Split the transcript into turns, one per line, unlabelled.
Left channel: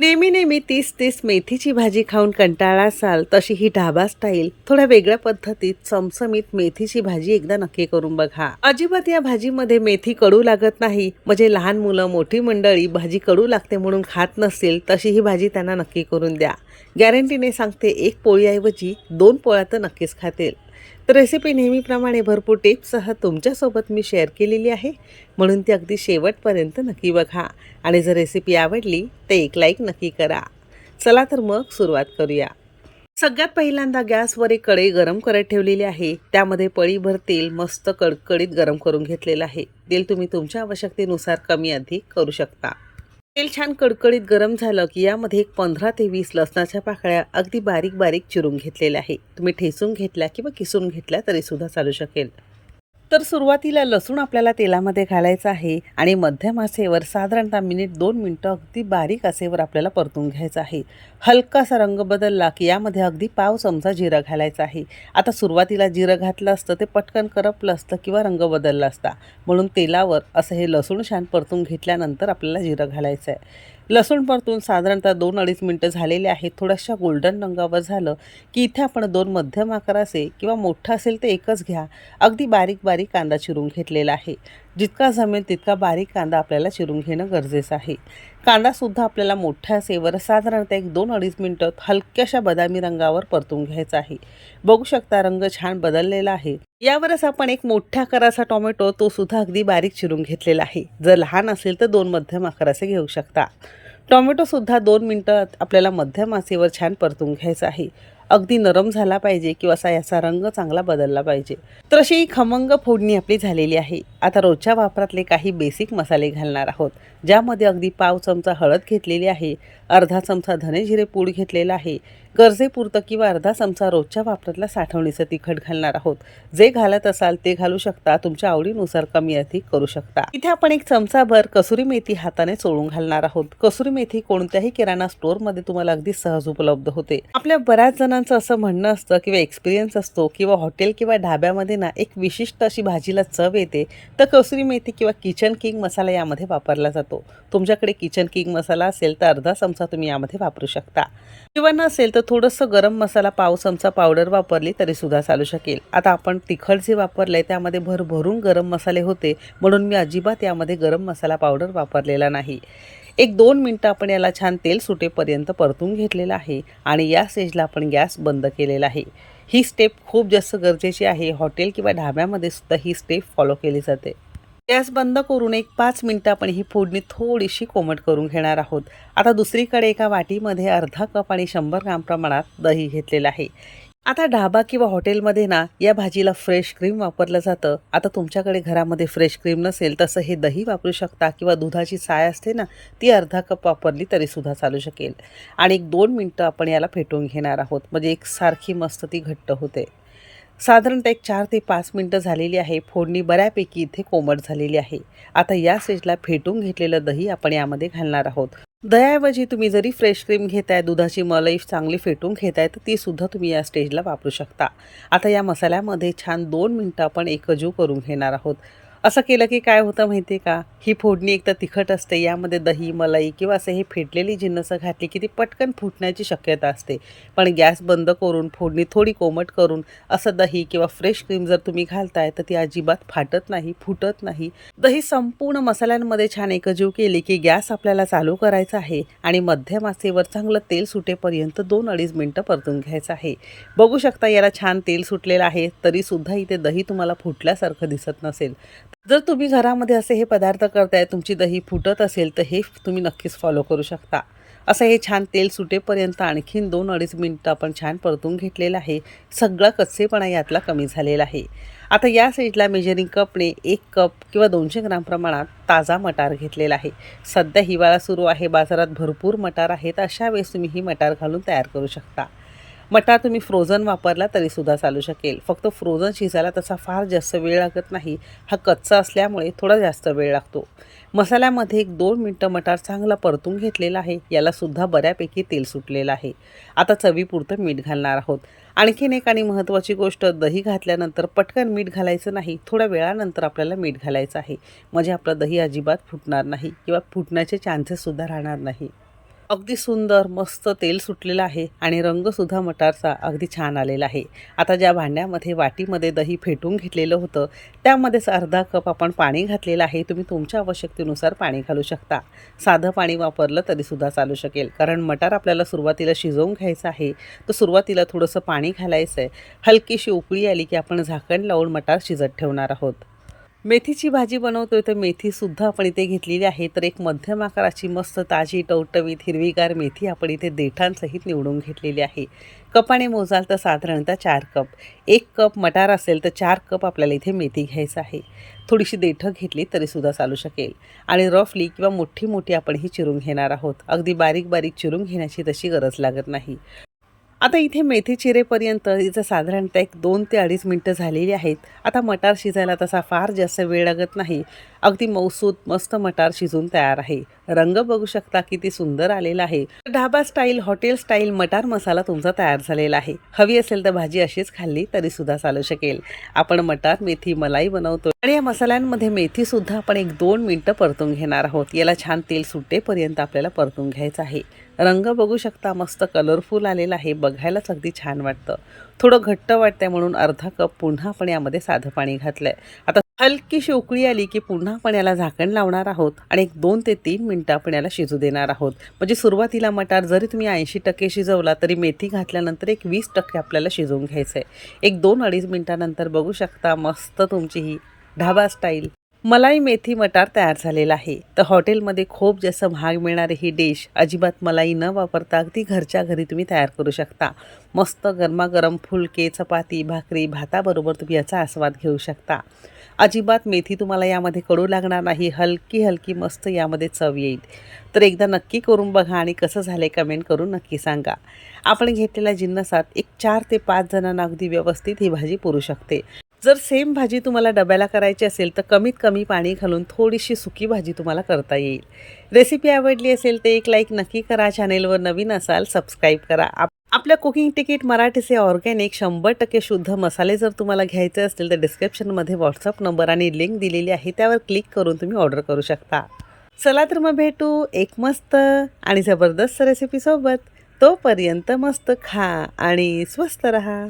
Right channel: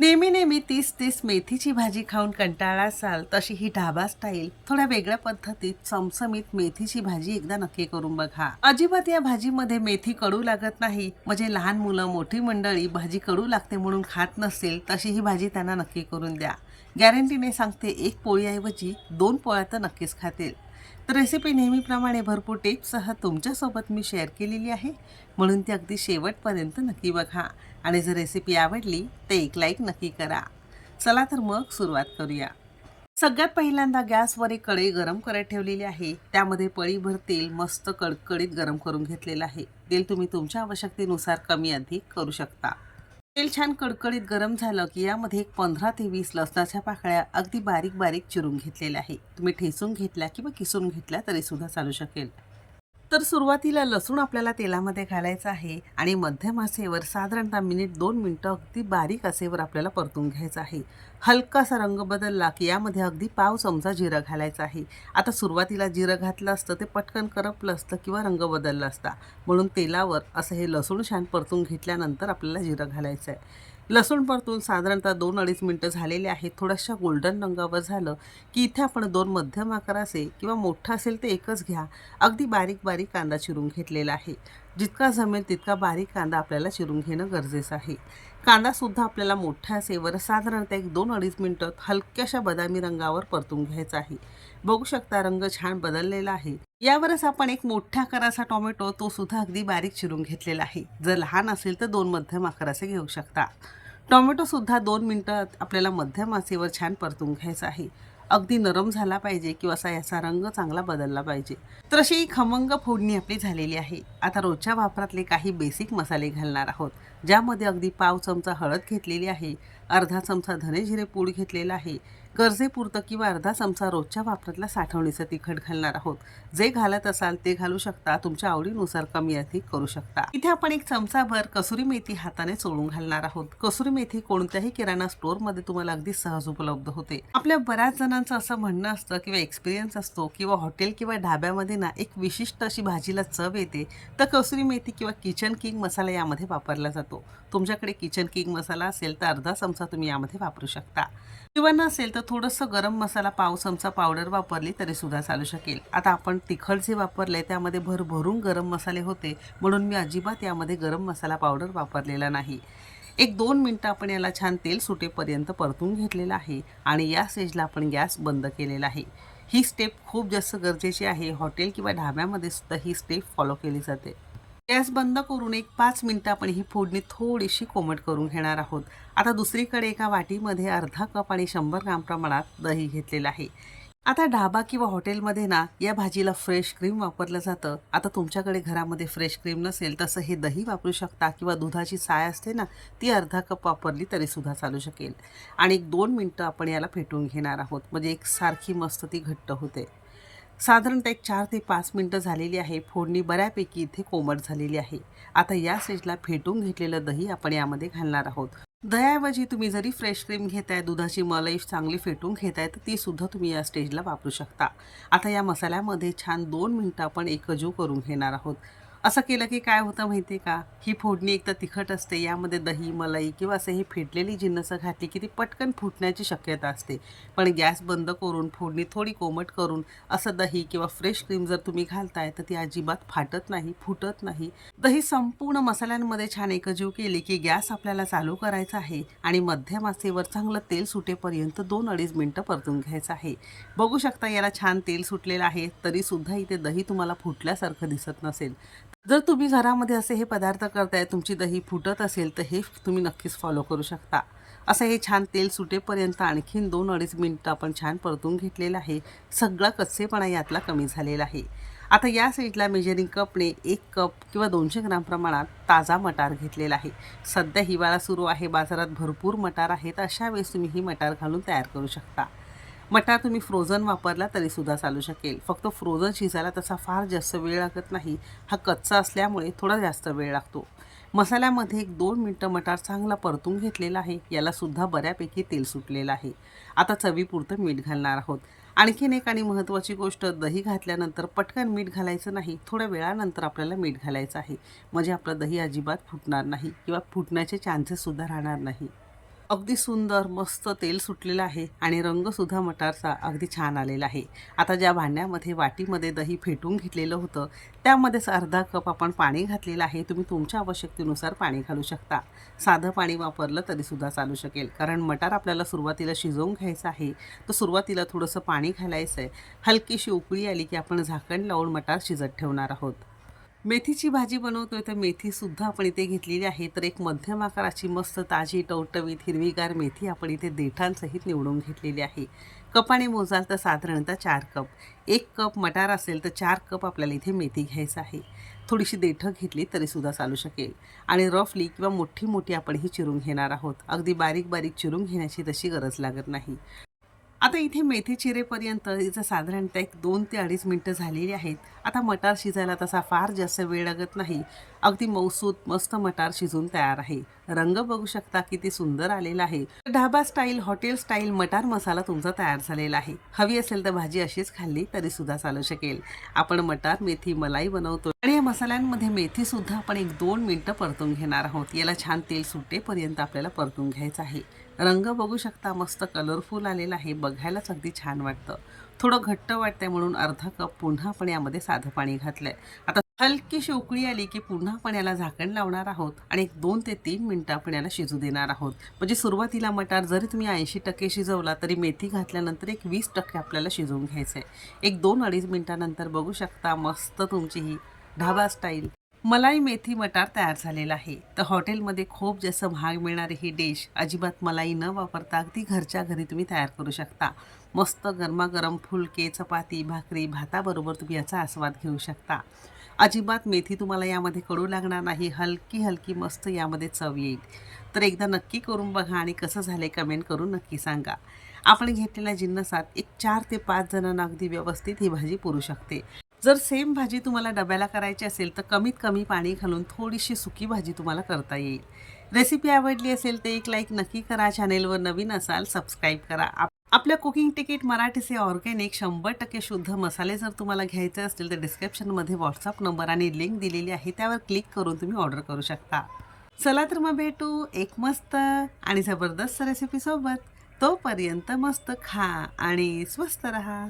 नेहमी नेहमी तीस तीस मेथीची भाजी खाऊन कंटाळा असाल तशी ही ढाबा स्टाईल थोड्या वेगळ्या पद्धतीत चमचमीत मेथीची भाजी एकदा नक्की करून बघा. अजिबात या भाजीमध्ये मेथी कडू लागत नाही. म्हणजे लहान मुलं मोठी मंडळी भाजी कडू लागते म्हणून खात नसेल तशी ही भाजी त्यांना नक्की करून द्या. गॅरंटीने सांगते एक पोळीऐवजी दोन पोळ्या तर नक्कीच खातील. तर रेसिपी नेहमीप्रमाणे भरपूर टिप्ससह तुमच्यासोबत मी शेअर केलेली आहे. म्हणून ती अगदी शेवटपर्यंत नक्की बघा. आणि जर रेसिपी आवडली तर एक लाईक नक्की करा. चला तर मग सुरुवात करूया. सगळ्यात पहिल्यांदा गॅसवर एक कढई गरम करत ठेवलेली आहे. त्यामध्ये पळीभर तेल मस्त कडकडीत गरम करून घेतलेलं आहे. तेल तुम्ही तुमच्या आवश्यकतेनुसार कमी अधिक करू शकता. तेल छान कडकडीत गरम झालं की यामध्ये एक पंधरा ते वीस लसणाच्या पाकळ्या अगदी बारीक बारीक चिरून घेतलेल्या आहे. तुम्ही ठेचून घेतल्या किंवा किसून घेतल्या तरी सुद्धा चालू शकेल. तर सुरुवातीला लसूण आपल्याला तेलामध्ये घालायचं आहे आणि मध्यम आसेवर साधारणतः मिनिट दोन मिनटं अगदी बारीक आसेवर आपल्याला परतून घ्यायचं आहे. हलकासा रंग बदलला की यामध्ये अगदी पाव चमचा जिरं घालायचा आहे. आता सुरुवातीला जिरं घातलं असतं ते पटकन करपलं असतं किंवा रंग बदलला असता. म्हणून तेलावर असं हे लसूण छान परतून घेतल्यानंतर आपल्याला जिरं घालायचं आहे लसूण परतून साधारणतः दोन अडीच मिनटं झालेले आहेत. थोड्याशा गोल्डन रंगावर झालं की इथे आपण दोन मध्यम आकाराचे किंवा मोठं असेल तर एकच घ्या. अगदी बारीक बारीक कांदा चिरून घेतलेला आहे. जितका जमेल तितका बारीक कांदा आपल्याला चिरून घेणं गरजेचं आहे. कांदासुद्धा आपल्याला मोठ्या सेवर साधारणतः एक दोन अडीच मिनटं हलक्याशा बदामी रंगावर परतून घ्यायचा आहे. बघू शकता रंग छान बदललेला आहे. यावरच आपण एक मोठ्या आकाराचा टोमॅटो तो सुद्धा अगदी बारीक चिरून घेतलेला आहे. जर लहान असेल तर दोन मध्यम आकाराचे घेऊ शकता. टोमॅटोसुद्धा दोन मिनटं आपल्याला मध्यम आचेवर छान परतून घ्यायचं आहे. अगदी नरम झाला पाहिजे किंवा असा याचा रंग चांगला बदलला पाहिजे. तर अशी ही खमंग फोडणी आपली झालेली आहे. आता रोजच्या वापरातले काही बेसिक मसाले घालणार आहोत. ज्यामध्ये अगदी पाव चमचा हळद घेतलेली आहे अर्धा चमचा धने जिरे पूड घेतलेला आहे गरजेपुरतं किंवा अर्धा चमचा रोजच्या वापरातल्या साठवणीचं तिखट घालणार आहोत. जे घालत असाल ते घालू शकता तुमच्या आवडीनुसार कमी अधिक करू शकता. इथे आपण एक चमचाभर कसुरी मेथी हाताने चोळून घालणार आहोत. कसुरी मेथी कोणत्याही किराणा स्टोअरमध्ये तुम्हाला अगदी सहज उपलब्ध होते. आपल्या बऱ्याच जणांचं असं म्हणणं असतं किंवा एक्सपिरियन्स असतो किंवा हॉटेल किंवा ढाब्यामध्ये ना एक विशिष्ट अशी भाजीला चव येते तर कसुरी मेथी किंवा किचन किंग मसाला यामध्ये वापरला जातो. तुमच्याकडे किचन किंग मसाला असेल तर अर्धा चमचा तुम्ही यामध्ये वापरू शकता. किंवा नसेल तर थोडंसं गरम मसाला पाव चमचा पावडर वापरली तरी सुद्धा चालू शकेल. आता आपण तिखट जे वापरलं आहे त्यामध्ये भरभरून गरम मसाले होते म्हणून मी अजिबात यामध्ये गरम मसाला पावडर वापरलेला नाही. एक दोन मिनटं आपण याला छान तेल सुटेपर्यंत परतून घेतलेलं आहे आणि या स्टेजला आपण गॅस बंद केलेला आहे. ही स्टेप खूप जास्त गरजेची आहे. हॉटेल किंवा ढाब्यामध्ये सुद्धा ही स्टेप फॉलो केली जाते. गॅस बंद करून एक पाच मिनटं आपण ही फोडणी थोडीशी कोमट करून घेणार आहोत. आता दुसरीकडे एका वाटीमध्ये अर्धा कप आणि शंभर ग्राम प्रमाणात दही घेतलेलं आहे. आता ढाबा किंवा हॉटेलमध्ये ना या भाजीला फ्रेश क्रीम वापरलं जातं. आता तुमच्याकडे घरामध्ये फ्रेश क्रीम नसेल तसं हे दही वापरू शकता किंवा दुधाची साय असते ना ती अर्धा कप वापरली तरीसुद्धा चालू शकेल. आणि एक दोन मिनटं आपण याला फेटून घेणार आहोत. म्हणजे एक सारखी मस्त ती घट्ट होते. साधारणतः एक चार ते पाच मिनटं झालेली आहे. फोडणी बऱ्यापैकी इथे कोमट झालेली आहे. आता या स्टेजला फेटून घेतलेलं दही आपण यामध्ये घालणार आहोत. दह्याऐवजी तुम्ही जरी फ्रेश क्रीम घेताय दुधाची मलाई चांगली फेटून घेताय तर ती सुद्धा तुम्ही या स्टेजला वापरू शकता. आता या मसाल्यामध्ये छान दोन मिनटं आपण एकजीव करून घेणार आहोत. असं केलं की काय होतं माहिती आहे का? ही फोडणी एक तर तिखट असते यामध्ये दही मलाई किंवा असं हे फेटलेली जिन्नसं घातली की ती पटकन फुटण्याची शक्यता असते. पण गॅस बंद करून फोडणी थोडी कोमट करून असं दही किंवा फ्रेश क्रीम जर तुम्ही घालताय तर ती अजिबात फाटत नाही फुटत नाही. दही संपूर्ण मसाल्यांमध्ये छान एकजीव केली की गॅस आपल्याला चालू करायचा आहे आणि मध्यम आसेवर चांगलं तेल सुटेपर्यंत दोन अडीच मिनटं परतून घ्यायचं आहे. बघू शकता याला छान तेल सुटलेलं आहे तरीसुद्धा इथे दही तुम्हाला फुटल्यासारखं दिसत नसेल. जर तुम्ही घरामध्ये असे हे पदार्थ करताय तुमची दही फुटत असेल तर हे तुम्ही नक्कीच फॉलो करू शकता. असं हे छान तेल सुटेपर्यंत आणखीन दोन अडीच मिनटं आपण छान परतून घेतलेलं आहे. सगळा कच्चेपणा यातला कमी झालेला आहे. आता या साईडला मेजरिंग कपने एक कप किंवा दोनशे ग्राम प्रमाणात ताजा मटार घेतलेला आहे. सध्या हिवाळा सुरू आहे बाजारात भरपूर मटार आहेत अशा वेळेस तुम्ही ही मटार घालून तयार करू शकता. मटार तुम्ही फ्रोझन वापरला तरीसुद्धा चालू शकेल. फक्त फ्रोझन शिजायला तसा फार जास्त वेळ लागत नाही. हा कच्चा असल्यामुळे थोडा जास्त वेळ लागतो. मसाल्यामध्ये एक दोन मिनटं मटार चांगला परतून घेतलेला आहे. यालासुद्धा बऱ्यापैकी तेल सुटलेलं आहे. आता चवीपुरतं मीठ घालणार आहोत. आणखीन एक आणि महत्त्वाची गोष्ट दही घातल्यानंतर पटकन मीठ घालायचं नाही. थोड्या वेळानंतर आपल्याला मीठ घालायचं आहे. म्हणजे आपलं दही अजिबात फुटणार नाही किंवा फुटण्याचे चान्सेससुद्धा राहणार नाही. अगदी सुंदर मस्त तेल सुटलेलं आहे आणि रंगसुद्धा मटारचा अगदी छान आलेला आहे. आता ज्या भांड्यामध्ये वाटीमध्ये दही फेटून घेतलेलं होतं त्यामध्येच अर्धा कप आपण पाणी घातलेलं आहे. तुम्ही तुमच्या आवश्यकतेनुसार पाणी घालू शकता. साधं पाणी वापरलं तरीसुद्धा चालू शकेल. कारण मटार आपल्याला सुरुवातीला शिजवून घ्यायचं आहे. तर सुरुवातीला थोडंसं पाणी घालायचं आहे हलकीशी उकळी आली की आपण झाकण लावून मटार शिजत ठेवणार आहोत. मेथीची भाजी बनवतोय तर मेथीसुद्धा आपण इथे घेतलेली आहे. तर एक मध्यम आकाराची मस्त ताजी टवटवीत हिरवीगार मेथी आपण इथे देठांसहित निवडून घेतलेली आहे. कपाने मोजाल तर साधारणतः चार कप. एक कप मटार असेल तर चार कप आपल्याला इथे मेथी घ्यायचं आहे. थोडीशी देठं घेतली तरीसुद्धा चालू शकेल. आणि रफली किंवा मोठी मोठी आपण ही चिरून घेणार आहोत. अगदी बारीक बारीक चिरून घेण्याची तशी गरज लागत नाही. आता इथे मेथी चिरेपर्यंत इथं साधारणतः एक दोन ते अडीच मिनटं झालेली आहेत. आता मटार शिजायला तसा फार जास्त वेळ लागत नाही. अगदी मौसूद मस्त मटार शिजून तयार आहे. रंग बघू शकता किती सुंदर आलेला आहे. ढाबा स्टाईल हॉटेल स्टाईल मटार मसाला तुमचा तयार झालेला आहे. हवी असेल तर भाजी अशीच खाल्ली तरी सुद्धा चालू शकेल. आपण मटार मेथी मलाई बनवतो. आणि या मसाल्यांमध्ये मेथी सुद्धा आपण एक दोन मिनटं परतून घेणार आहोत. याला छान तेल सुटेपर्यंत आपल्याला परतून घ्यायचं आहे. रंग बघू शकता मस्त कलरफुल आलेला आहे. बघायलाच अगदी छान वाटतं. थोडं घट्ट वाटतंय म्हणून अर्धा कप पुन्हा आपण यामध्ये साधं पाणी घातलंय. आता हलकीशी उकळी आली की पुन्हा आपण याला झाकण लावणार आहोत आणि एक दोन ते तीन मिनटं आपण याला शिजू देणार आहोत. म्हणजे सुरुवातीला मटार जरी तुम्ही ऐंशी टक्के शिजवला तरी मेथी घातल्यानंतर एक वीस टक्के आपल्याला शिजवून घ्यायचं आहे एक दोन अडीच मिनटानंतर बघू शकता मस्त तुमची ही ढाबा स्टाईल. मलाई मेथी मटार तयार झालेला आहे. तर हॉटेलमध्ये खूप जास्त महाग मिळणारी ही डिश अजिबात मलाई न वापरता अगदी घरच्या घरी तुम्ही तयार करू शकता. मस्त गरमागरम फुलके चपाती भाकरी भाताबरोबर तुम्ही याचा आस्वाद घेऊ शकता. अजिबात मेथी तुम्हाला यामध्ये कडू लागणार नाही. हलकी हलकी मस्त यामध्ये चव येईल. तर एकदा नक्की करून बघा आणि कसं झालं कमेंट करून नक्की सांगा. आपण घेतलेल्या जिन्नसात एक चार ते पाच जणांना अगदी व्यवस्थित ही भाजी पुरू शकते. जर सेम भाजी तुम्हाला डब्याला करायची असेल तर कमीत कमी पाणी घालून थोडीशी सुकी भाजी तुम्हाला करता येईल. रेसिपी आवडली असेल तर एक लाईक नक्की करा. चॅनेलवर नवीन असाल सबस्क्राईब करा. आप आपल्या कुकिंग तिकीट मराठीचे ऑर्गॅनिक शंभर टक्के शुद्ध मसाले जर तुम्हाला घ्यायचे असतील तर डिस्क्रिप्शनमध्ये व्हॉट्सअप नंबर आणि लिंक दिलेली आहे त्यावर क्लिक करून तुम्ही ऑर्डर करू शकता. चला तर मग भेटू एक मस्त आणि जबरदस्त रेसिपीसोबत तोपर्यंत मस्त खा आणि स्वस्त रहा.